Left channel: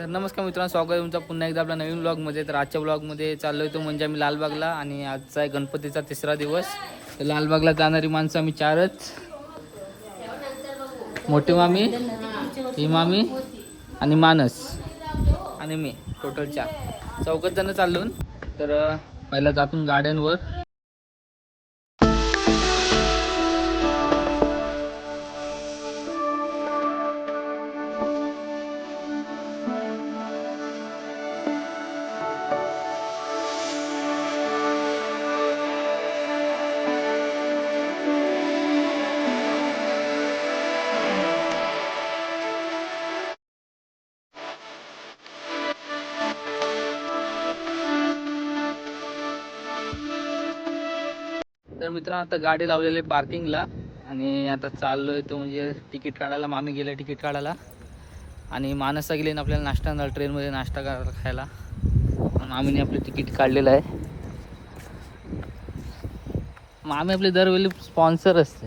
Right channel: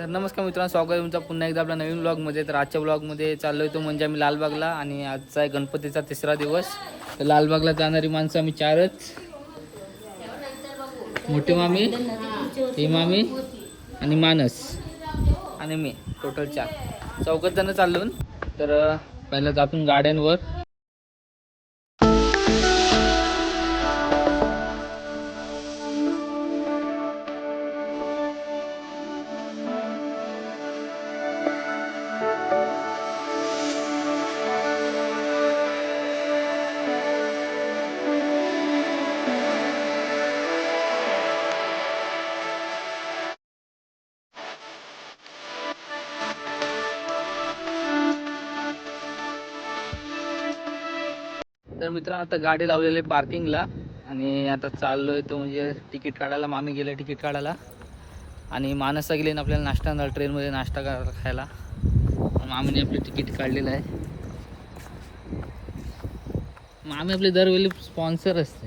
तर नमस्कार मित्रांनो, स्वागत आहे तुमचा पुन्हा एकदा आपल्या नवीन ब्लॉगमध्ये. तर आजच्या ब्लॉगमध्ये चाललो आहे तो म्हणजे आम्ही लालबागला, आणि आजचा आहे गणपतीचा तिसरा दिवस. तर लालबागला जाणारी माणसं आम्ही चारच, मोठी मामी, ही मामी आणि मानस आणि मी, टोटल 4 चौघच जण चाललो. तर पहिला जातून गाड्यांवर. तर मित्रांनो, आता गाडी लावलेली पार्किंगला, आणि आता चाललोय तो म्हणजे तिकीट काढायला. मामी गेले तिकीट काढायला, आणि मानसला गेले ना आपल्याला नाश्ता ट्रेनमध्ये नाश्ता खायला. मामीने आपले तिकीट काढलेलं आहे. मामी आपली दरवेळी स्पॉन्सर असते.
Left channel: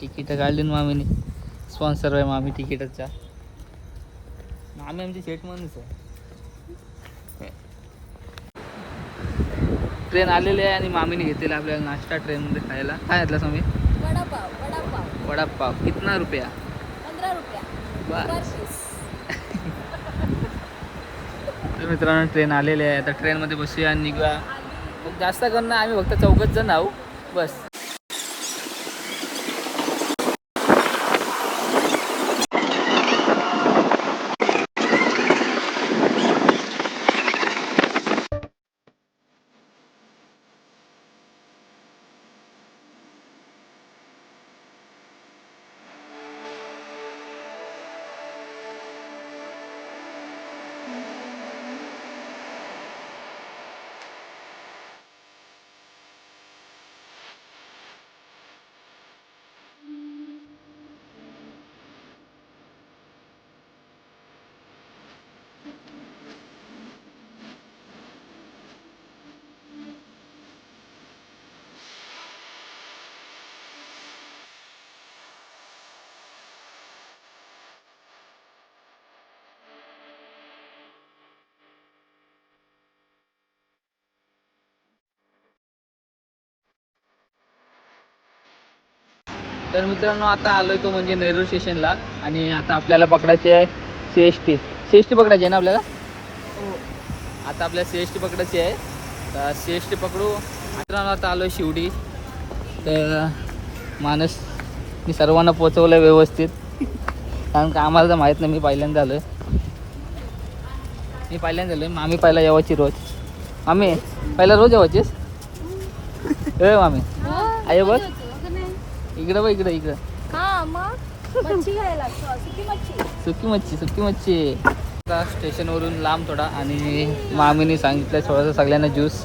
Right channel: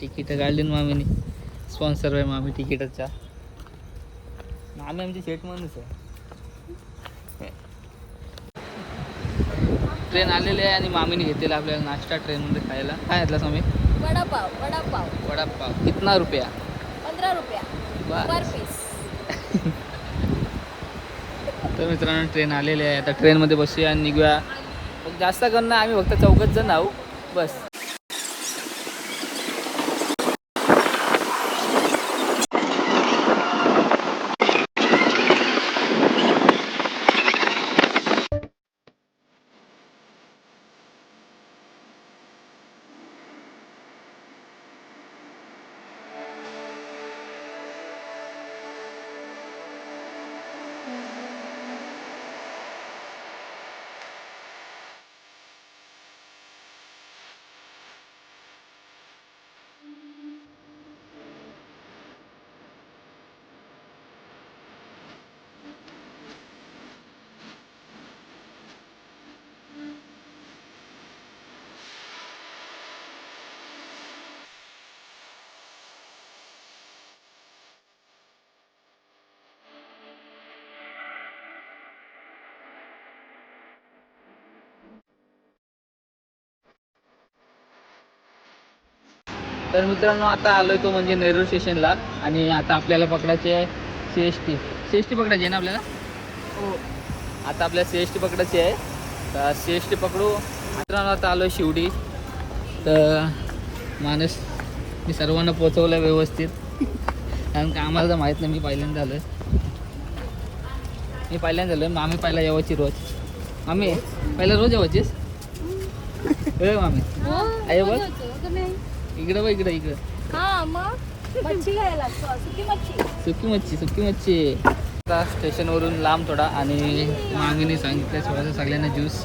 तिकीट काढली ना मामीने, स्पॉन्सर आहे मामी तिकीटाचा. मामी आमची शेट माणूस आहे. ट्रेन आलेली आहे आणि मामीने घेतलेला आपल्याला नाश्ता ट्रेनमध्ये खायला. काय घेतला स्वामी? वडापाव. वडापाव वडापाव. कितना रुपया? 15 रुपया पर पीस. तर मित्रांनो, ट्रेन आलेली आहे. आता ट्रेनमध्ये बसूया आणि निघूया. मग जास्त करणं आम्ही फक्त 4 जण आहो बस. तर मित्रांनो, आता आलोय तो म्हणजे नेरूळ स्टेशनला, आणि आता आपल्याला पकडायची आहे CST. CST पकडायची आहे ना आपल्याला. आता आपल्याला CST पकडायची आहे. तर CST पकडू. मित्रांनो, आता आलोय शिवडी. तर मानस मी सर्वांना पोचवलं व्यवस्थित, कारण का आम्हाला तर माहीत नाही. मी पहिल्यांदा आलोय. मामी पहिला यावाची रोज. मामी पहिला रोज यावाचीस मामी. आहे बघ इकडं बघ, इकडं. हा मग मच्छी घ्यायला सुकी मच्छी. आता स्टेशनवरून लांब थोडा, आणि मामीने सांगितलं थोडासा सगळ्यांना ज्यूस.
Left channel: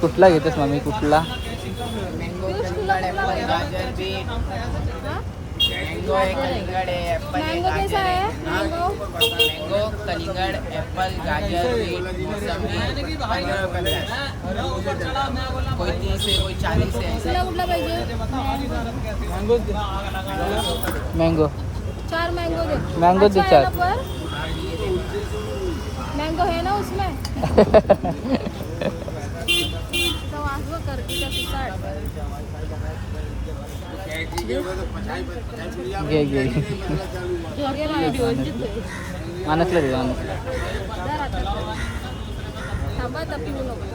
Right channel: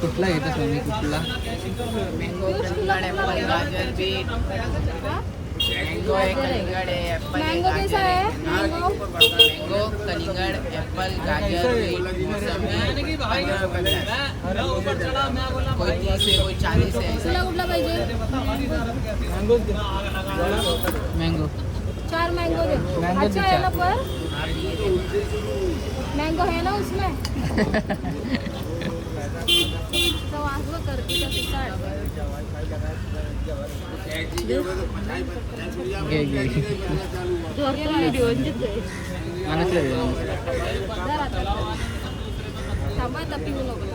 कुठला घेतेस मामी? कुठला? मँगो कैसा है? मैंगो, कलिंगड़, एप्पल, गाजर, मौसमी 15 रुपये का। कोई 30 है, कोई 40 है। तुला कुठला पाहिजे? मँगो. 4 मैंगो दे. मैंगो दे अच्छा 4. है ना पर? मैंगो है ना उसमें? तो आसवा करती का पिसाड. घे मानसला दे. थांबा आता पिऊ नको.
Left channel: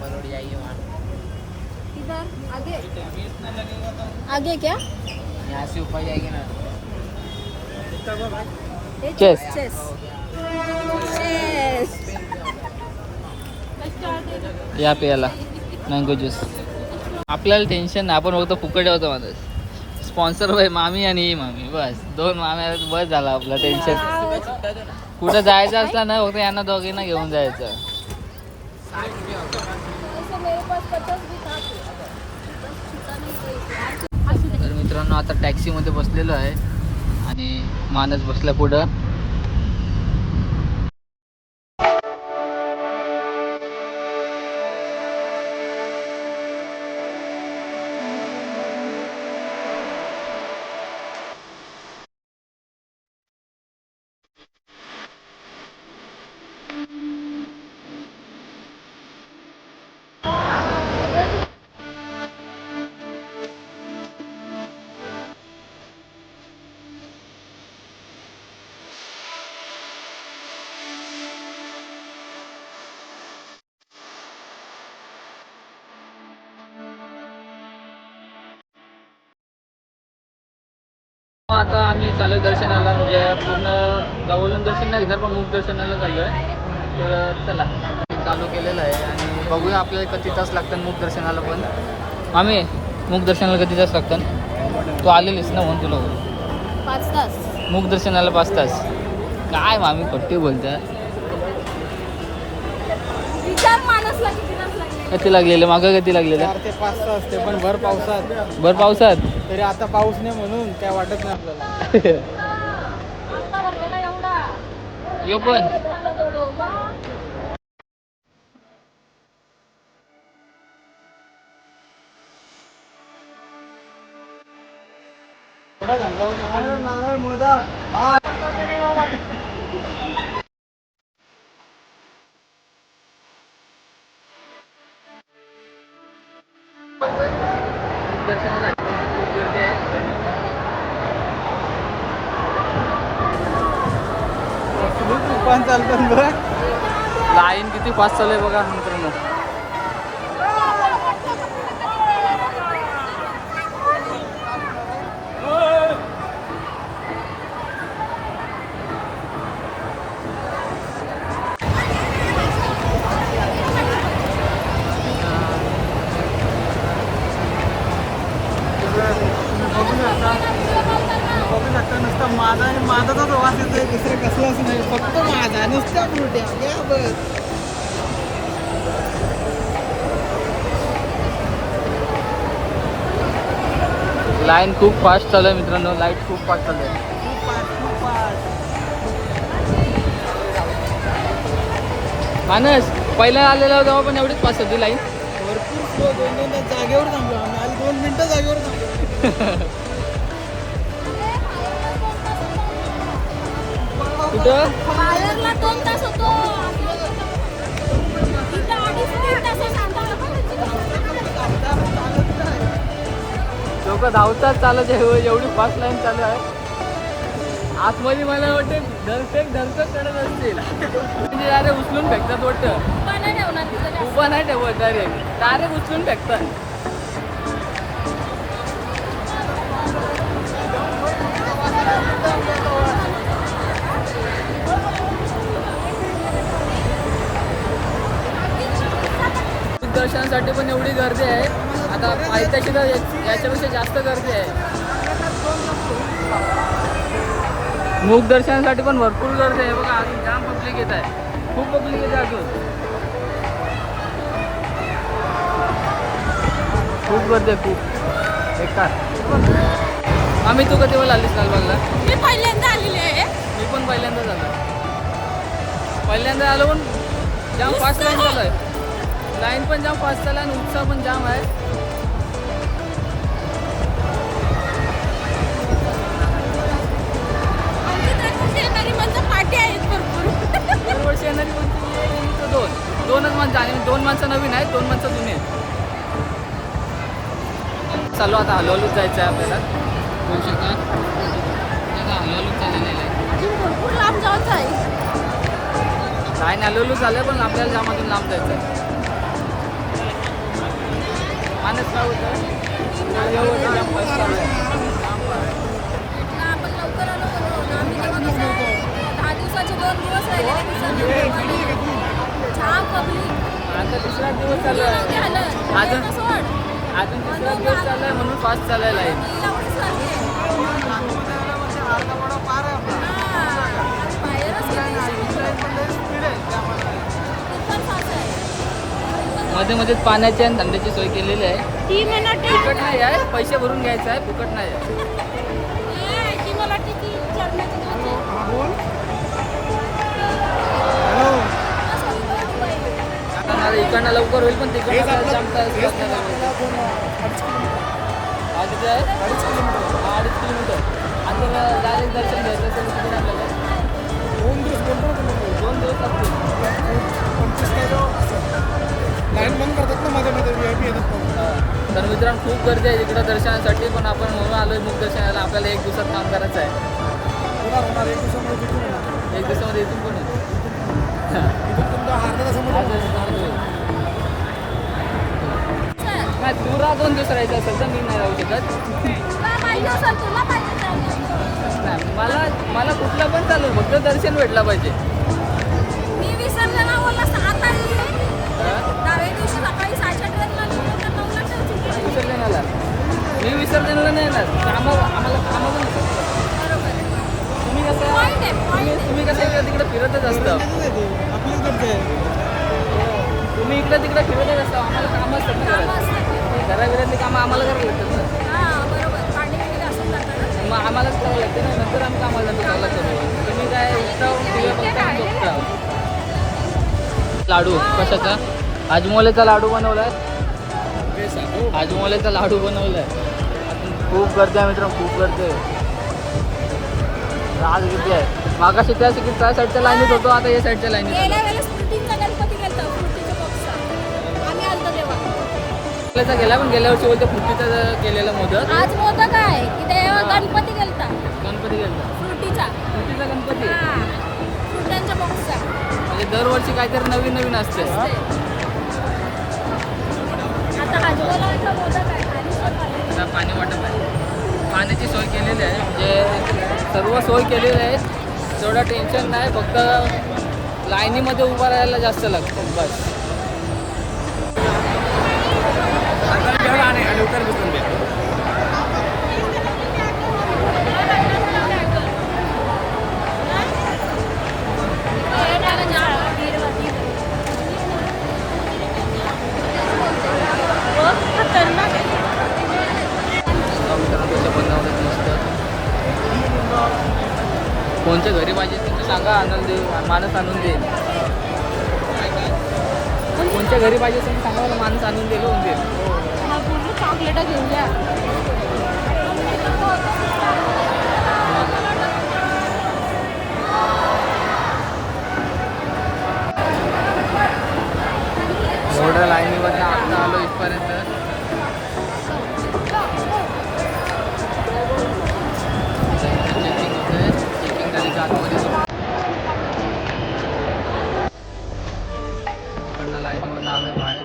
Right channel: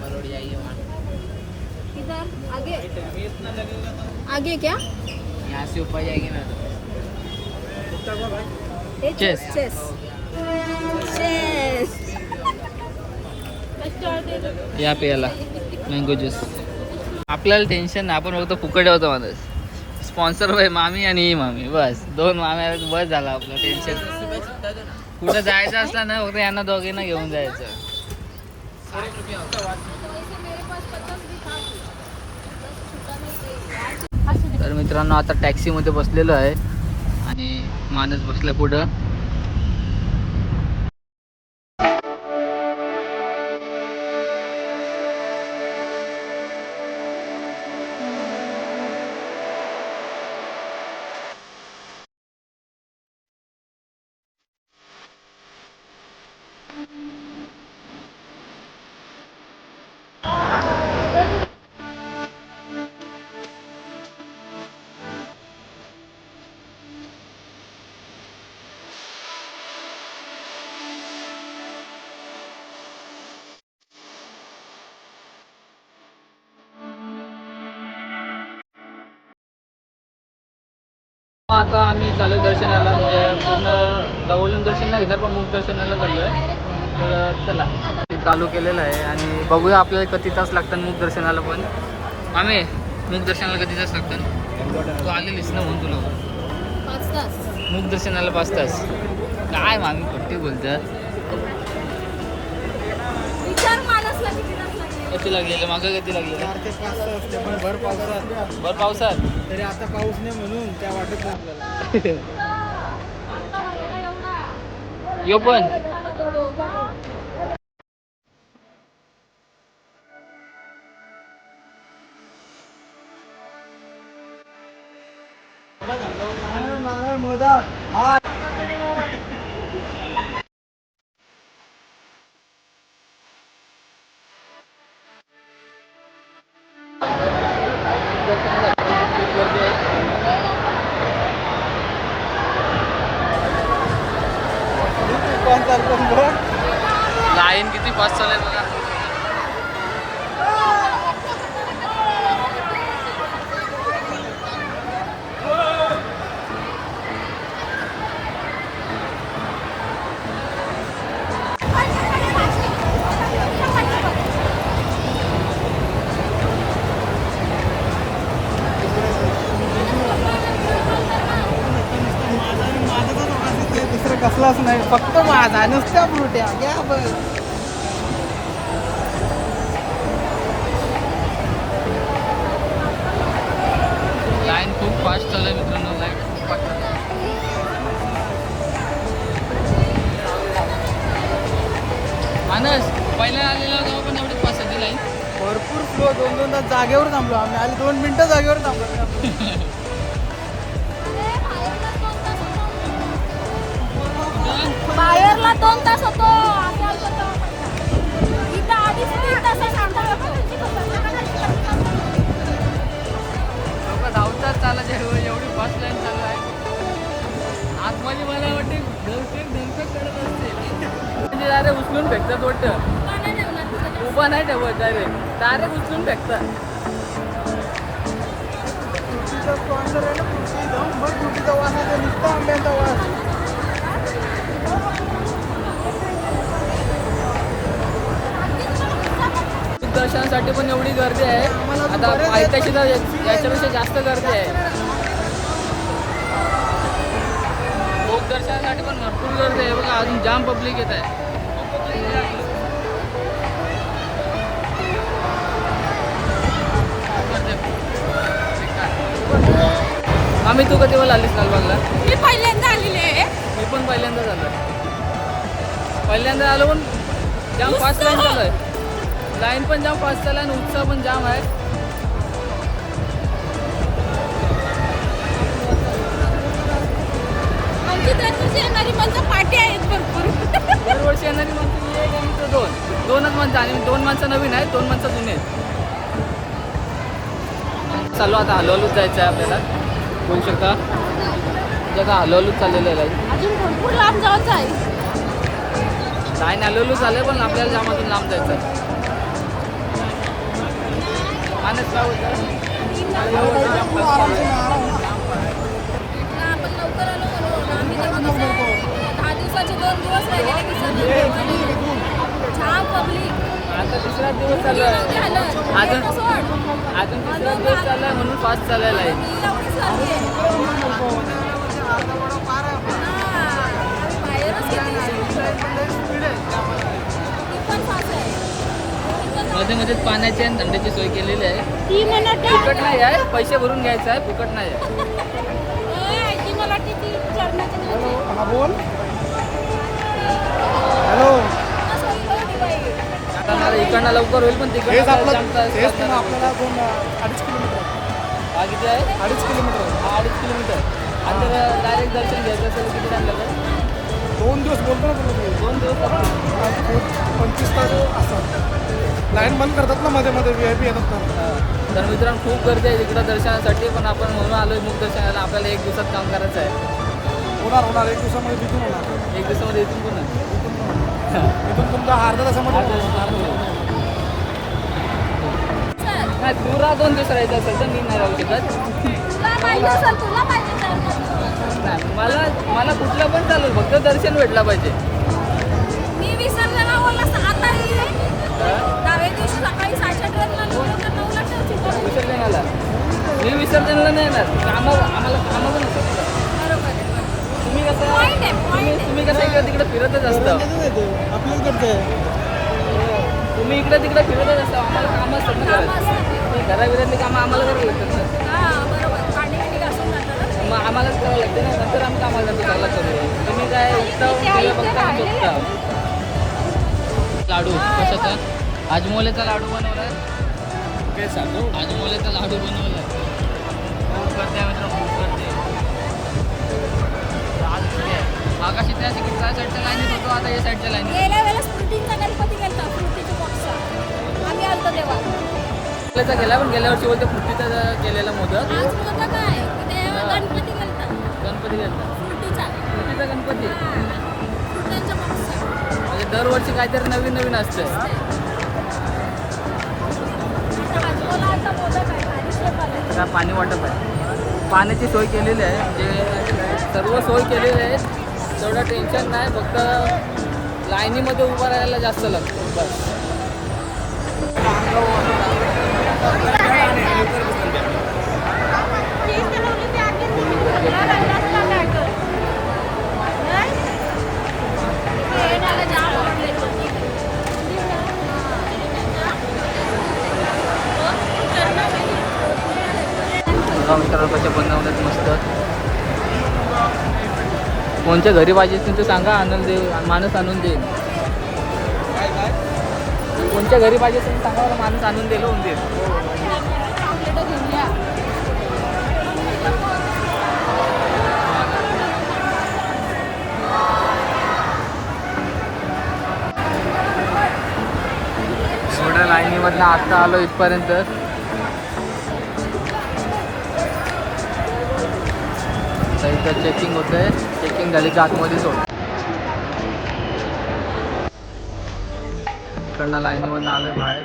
परोड़ जाइए वहाँ। इधर आगे क्या? यहाँ से ऊपर जाएगी ना। चेस. या प्यायला मँगो ज्यूस. आपल्याला टेन्शन नाही, आपण फक्त फुकट होतो माणूस. स्पॉन्सर बाय मामी आणि ही मामी, बस 2 माम्या बस झाला आपलं टेन्शन. कुठं जायचं असलं ना फक्त यांना दोघींना घेऊन जायचं. तर मित्रांनो, आता टॅक्सीमध्ये बसलेलो आहे आणि मानस बसला पुढं. आता आम्ही चालू दर्शनाला, म्हणजे पूर्ण जवळून दर्शन नाही घेणार, पण मुख दर्शनाला चाललो आहे. तर चला, चालू केलेलं आहे आणि बघूया आपल्याला किती तास लागतात मुख दर्शनाला. पण आम्ही मुख दर्शनाला किती तास लागतात? तू आलेलीस ना म्हणून तुला 5 तास. मुख दर्शनाला 5 तास. काय मामी खट्टी बोलत्या. विचार मानसला किती तास लागले? किती लागलेलं मागं? किती लागलेलं? 4 ते 5 तास असते, पण भर पावसात. भर पावसात तरी आता पाऊस नाही म्हणून काय वाटत नाही आपल्याला. आता भरलेला एवढा. यो पण लाईन किती फास्ट चालू आहे बघा मित्रांनो. माझाच वास येतोय, दुसरं कसलाच नाही, फक्त माझा नुसत्या फ्रुट्या घ्या बस. लाईन खूप फास्ट चालू आहे मित्रांनो. लाईट खूप फास्ट चालू आहे. मानस पहिला आलेला तेव्हा पण एवढीच फास्ट होती लाईन. भरपूर स्लो. 2 तास जागेवर थांबलो आम्ही. आधी 2 मिनिटं जागेवर थांबलो. कुठं बाहेरला 2 तास होतो. इथं अडीच 3 तासात लोक धावतात चालत एवढी फास्ट लाईन चालू आहे. आतमध्ये मला वाटते धरसक करत असतील. म्हणजे डायरेक्ट उचलून फेकतात वाटतं. उभा नाही ठेवत, डायरेक्ट उचलून फेकतात. दर्शनासाठी पण एवढी गर्दी आहे. आता पायथ्याची तर याच्यापेक्षा जास्त गर्दी आहे. मुख दर्शनासाठी पण भरपूर गर्दी आहे बघा. अजून जाम पब्लिक येत आहे. खूप पब्लिक येते अजून. खूप गर्दी आहे खूप. आम्ही तू कधी वेळा आलीस लालबागला? मी पहिल्यांदा आलेली आहे. मी पण पहिल्यांदा झालो. पहिल्यांदा आलो पण जाम फास्ट लाईन चालू आहे. लाईन पण जाम फास्ट चालू आहे आणि उत्साह पण जाम आहे. आमची दरवर्षी येणारी माणसं पाठी आहेत भरपूर. दरवर्षी येणारी माणसं दोनच माणसं आणि 2 माणसं नवीन आहेत, 2 माणसं जुने आहेत. चालू आता हलवलूच जायचं आहे आपल्याला. बोलू शकता हलवलूच चाललेलं आहे. अजून भरपूर लांब जायचं आहे. लाईन हलवलूच झालं पण आपल्याला जामातून लांब जायचं आहे. मानस काय होतं आपण लवकर आलो म्हणून आम्ही तेव्हा कसं 10 दिवसाचे 2 दिवस राहिले. छान पब्लिक. आता 3रा दिवस चालू आहे. अजून अजून 3रा दिवस चालू आहे म्हणून फास्ट चालू आहे लाईन. मध्ये मध्येच पाण्याची आणि थंडीची सोय केलेली आहे. 3 मिनिट फुकट नाही आहे, पैसे भरून घ्यायचं आहे, फुकट नाही आहे. ती मला किती चढण्याची किती? हा बोल. हॅलो. हा, sorry, बरोबर आहे. आता इकडनं लवकर होईल पण हेच तिकडनं आपलं जामता हेच ना आपल्याला 2-2.5 किलोमीटर आहे. हा किती आहे 2.5 किलोमीटर आहे. हा 2.5 किलोमीटर आणि जर डायरेक्ट दर्शन घ्यायचं असेल किती टाइम लागेल 2 दिवस बोलतो ना तुम्ही. 2 दिवस लागतील 25 तास लाईन बंद करतात ना मध्ये मध्ये VIP येतात ना. हा. तर मित्रांनो खूप गर्दी आहे तिकडं दर्शनासाठी पण आपण म्हणून आलोय मुख दर्शनाला आपल्याला 1 दिवसात काम करायचं आहे होणार 1 दिवसामध्ये तिथून होणार. 1 दिवसामध्ये इथून पण इथून तुमचा अर्धा तासामध्ये होणार. चल, नाही तुला 2 दिवस राहायचं असेल तर मी नाही राहू शकत तुला पाहिजे असेल, तुला पाहिजे तर. नाही मला कुठलं पण चालेल फक्त दर्शन भेटला पाहिजे मी विसरलेला बोलला 6 तारीख आहे. हा? 10व्या दिवशी सकाळी 6च्या ट्रेनला निघून तर 9ला ठेवतील. विसर्जनाला मी विसर्जनाला नाही येणार आम्हाला कामं पण असतात. बरोबर आहे. तुम्ही कसं Point आहे, point आहे. तुम्ही कसं इकडे तिकडे फिरतच असता आपल्याच घरचं आहे. तुम्ही इकडे तिकडे फिरतच असता आम्हाला कामं असतात ना कामं घरात असतात. घराबिरातली कामं आम्हाला करावं लागतात ना हा, बरोबर. पाणी बिणी घासून जातं ना. मग आम्हालाच करावं लागते ना नंतर आम्ही कामाला जातो चांगला करू तुम्ही काय उठता तुझ्या बघता झोपता लाडू कशाचा आजमोलेचा लाडू बनवलाय आजमोलेचा लाडू बनवलाय खूप गर्दी आहे मित्रांनो खूप गर्दी आहे आज गर्दी आहे मागाशी त्या साईडच्या लाईनीत होतो आता या साईडच्या लाईनीत गेल्या वेळेस फ्रुटीचा गणपती गेलता, फ्रुटीच्या बॉक्सचा. आम्ही आलतो तेव्हा. आपल्याचा गेला पण गेल्या वर्षी बोलते फुट्टीचा केलेला मोदक आज मोदक आहे की तेव्हा हा. गणपती गेलता गणपती गेला फ्रुटीचा. फुट्टीचा गणपती हा, फ्रुटांच्या बॉक्सचा. म्हणजे दरवर्षी काहीतरी नवीन नवीन असते आता हाजोला मोदक आहे, हरिश्वर पाले. आता पाणी वाटप आहे पाण्याची सोय केलेली आहे म्हणजे सर्व सोय केलेली आहे तेवढं टेन्शन नाही फक्त लाईनीमध्ये उभं राहायला जास्त लागतं बस बघा मित्रांनो कसे बनवण्यात मस्त कोणच्या घरी पाहिजे तुमचं सांगा आणून दे माणूस आणून दे कोणच्या घरी पाहिजे तुम्ही सांगा मला माणूस आणून दे होऊन दे चॉकलेट घेऊया. एवढ्या लाईनीमधनं आत्ता आलो इथपर्यंत आता इथं चेकिंग होतंय चेकिंग झाली की आतमध्ये सोड इकडनं लाईनीमधनं आलोय बाहेर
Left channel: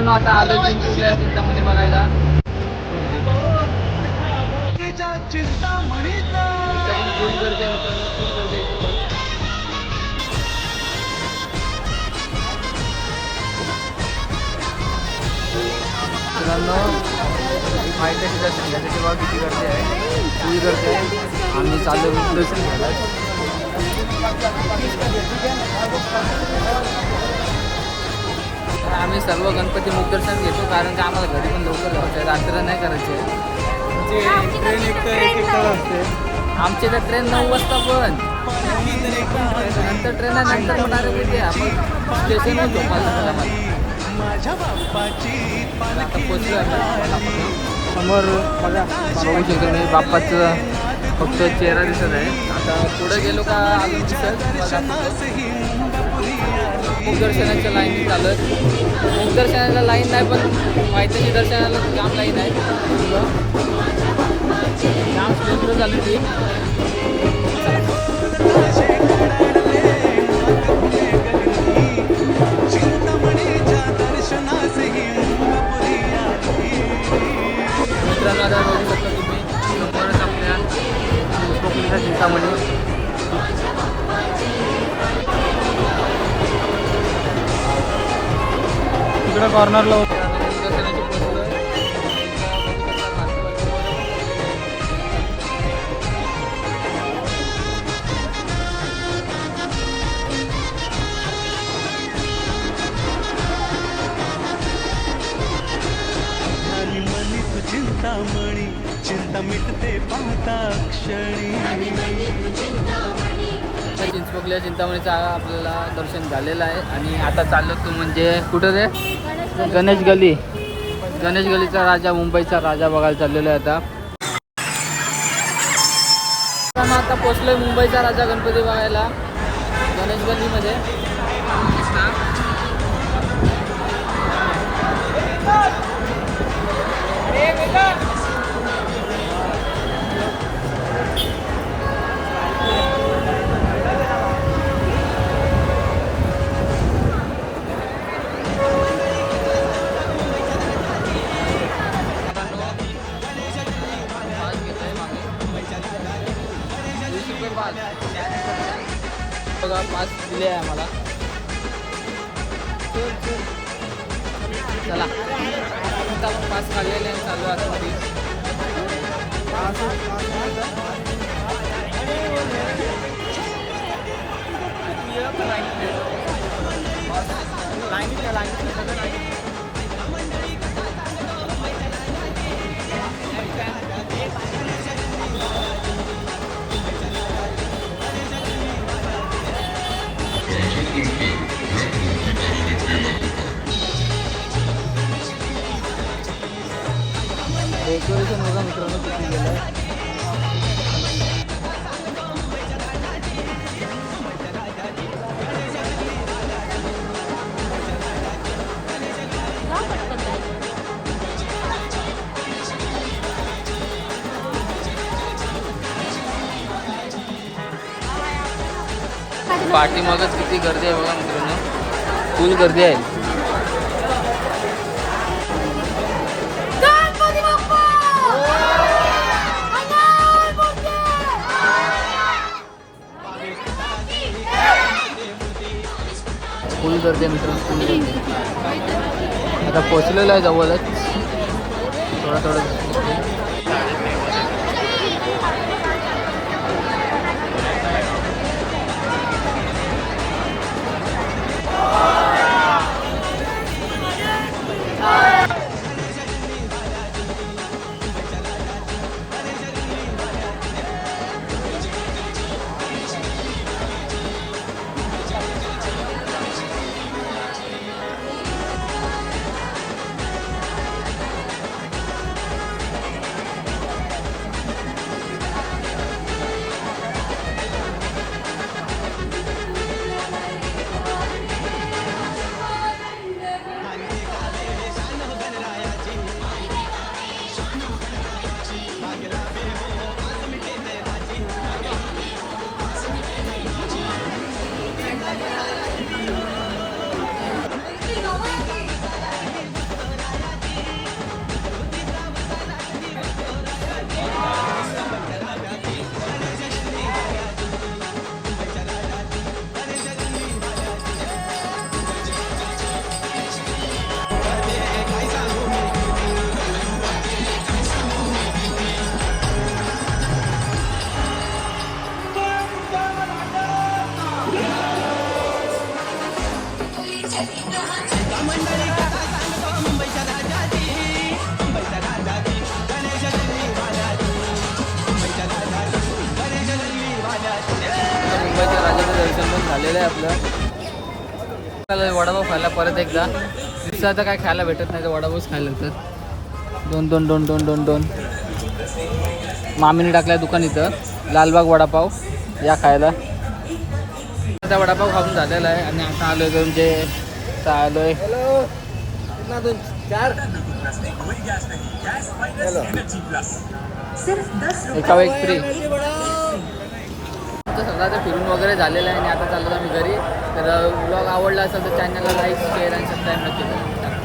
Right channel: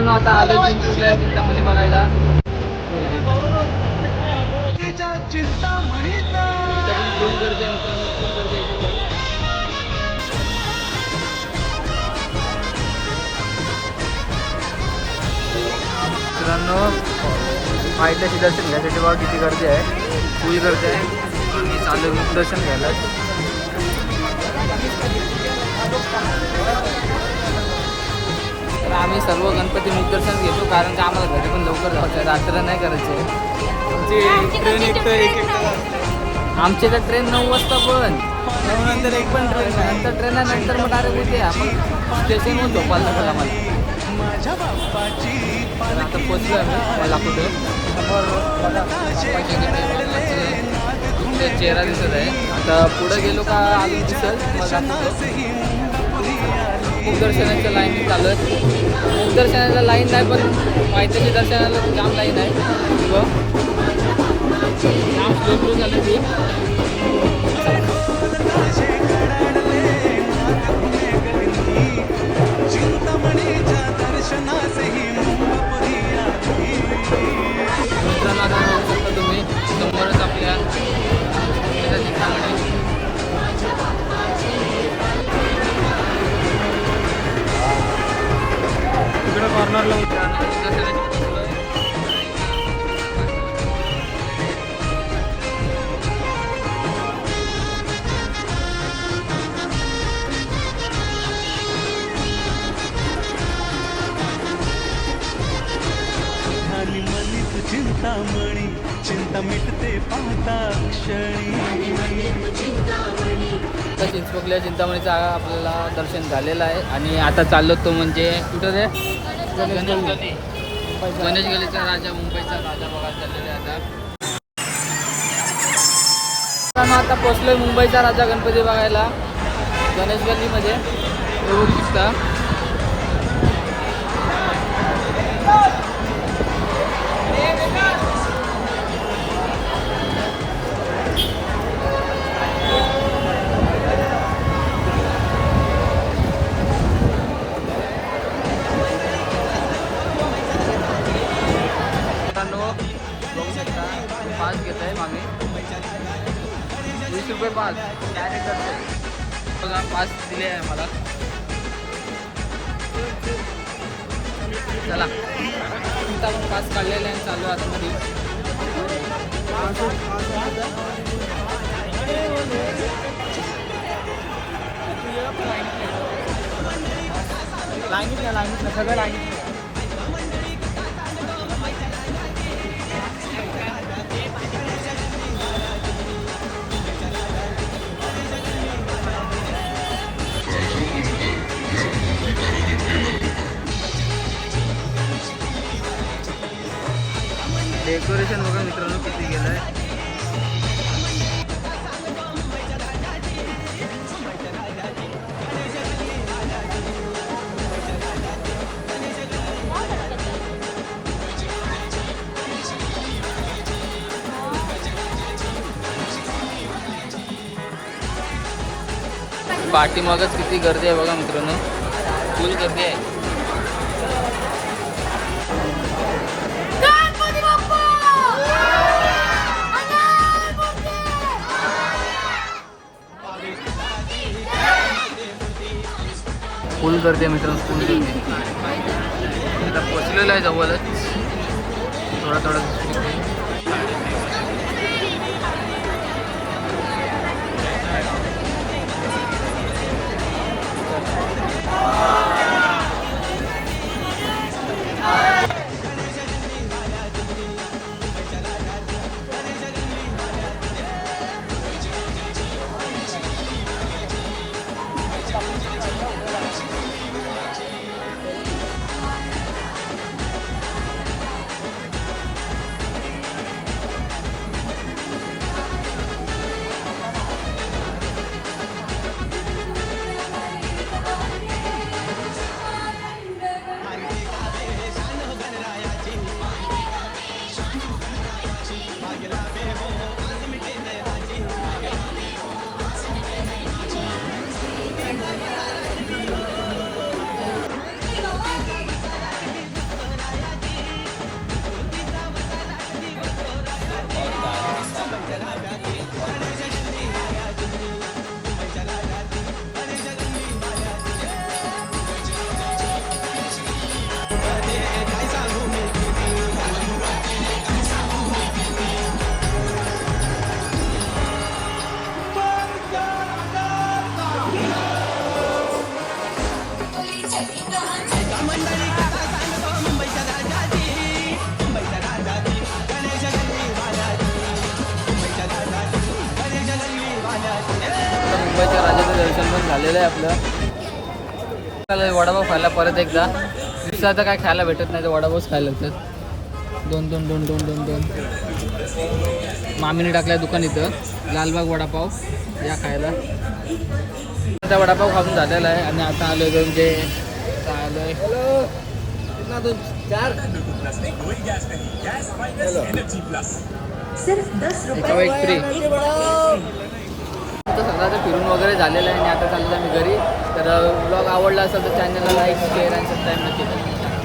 मित्रांनो आता आलो चिंचवडल्या चिंतामणी बघायला. इथं फुल गर्दी आहे मित्रांनो, फुल गर्दी आहे इथं पण. मित्रांनो पायथ्याशी दर्शन घ्यायसाठी बघा किती गर्दी आहे, फुल गर्दी आहे. आम्ही चाललो मुख दर्शन घ्यायला. तर आम्ही सर्व गणपती मुख दर्शन घेतो, कारण की आम्हाला घरी पण लवकर जायचं आहे, रात्र नाही करायची आहे. ट्रेन एक आमची तर ट्रेन 9 वाजता पण नंतर ट्रेन आहे, नंतर मग डायरेक्ट उद्या आपण स्टेशनवर झोपायला लागेल आम्हाला. तर आता पोचलो आहे बाप्पाचं फक्त चेहरा दिसत आहे. आता पुढे गेलो का अजून दिसल. मुखदर्शनाच्या लाईन चालू आहे. मुखदर्शनाला लाईन नाही पण पायथ्याशी दर्शनाला जाम लाईन आहे. जाम स्लो स्लो चालू ती. मित्रांनो आता बघू शकता तुम्ही समोरच आपल्या कोकणीचा चिंतामणी. तिकडे कॉर्नरला चिंतामणी चिंता मिटते पाहता क्षणी. चिंचपोकल्या चिंतामणीचं आपल्याला दर्शन झालेलं आहे आणि आता चाललो तो म्हणजे कुठं रे, गणेश गली. गणेश गलीचा राजा, मुंबईचा राजा बघायला चाललेलो आहे. आता पोचलोय मुंबईचा राजा गणपती बघायला गणेश गलीमध्ये. पास घेत आहे मागे 20 रुपये पास बघा. पास दिले आहे आम्हाला. चला आता आपण पास काढलेले आहे, चालू आहे आतमध्ये. डेकोरेशन बघा मित्रांनो किती गेलं आहे. पाठीमागच किती गर्दी आहे बघा मित्रांनो, फुल गर्दी आहे. फुल गर्दी आहे मित्रांनो, फुल गर्दी. आता पोचलेलं आहे जवळच, थोडं मंडळी कथा सांगतो मुंबईच्या राजाची, मुंबईच्या राजाची गणेश गल्ली वाल्याची, मुंबईच्या राजाची गणेश गल्ली वाल्याची. आता मुंबईच्या राजाचं दर्शन पण झालेलं आहे आपलं. चला वडापाव खायला परत एकदा. दिवसाचं काय खायला भेटत नाही तर वडापावच खायला लागतात. दोन दोन दोन दोन दोन दोन मामीने टाकलं दुकान इथं लालबाग वडापाव, या खायला. आता वडापाव खाऊन झालेला आहे आणि आता आलोय तो म्हणजे आलोय एका एक फ्री. आता सगळं फिरून वगैरे झालेलं आहे आणि आता चाललो आम्ही घरी. तर ब्लॉग आवडला असेल तर चॅनलला लाईक शेअर आणि सबस्क्राईब नक्की करा.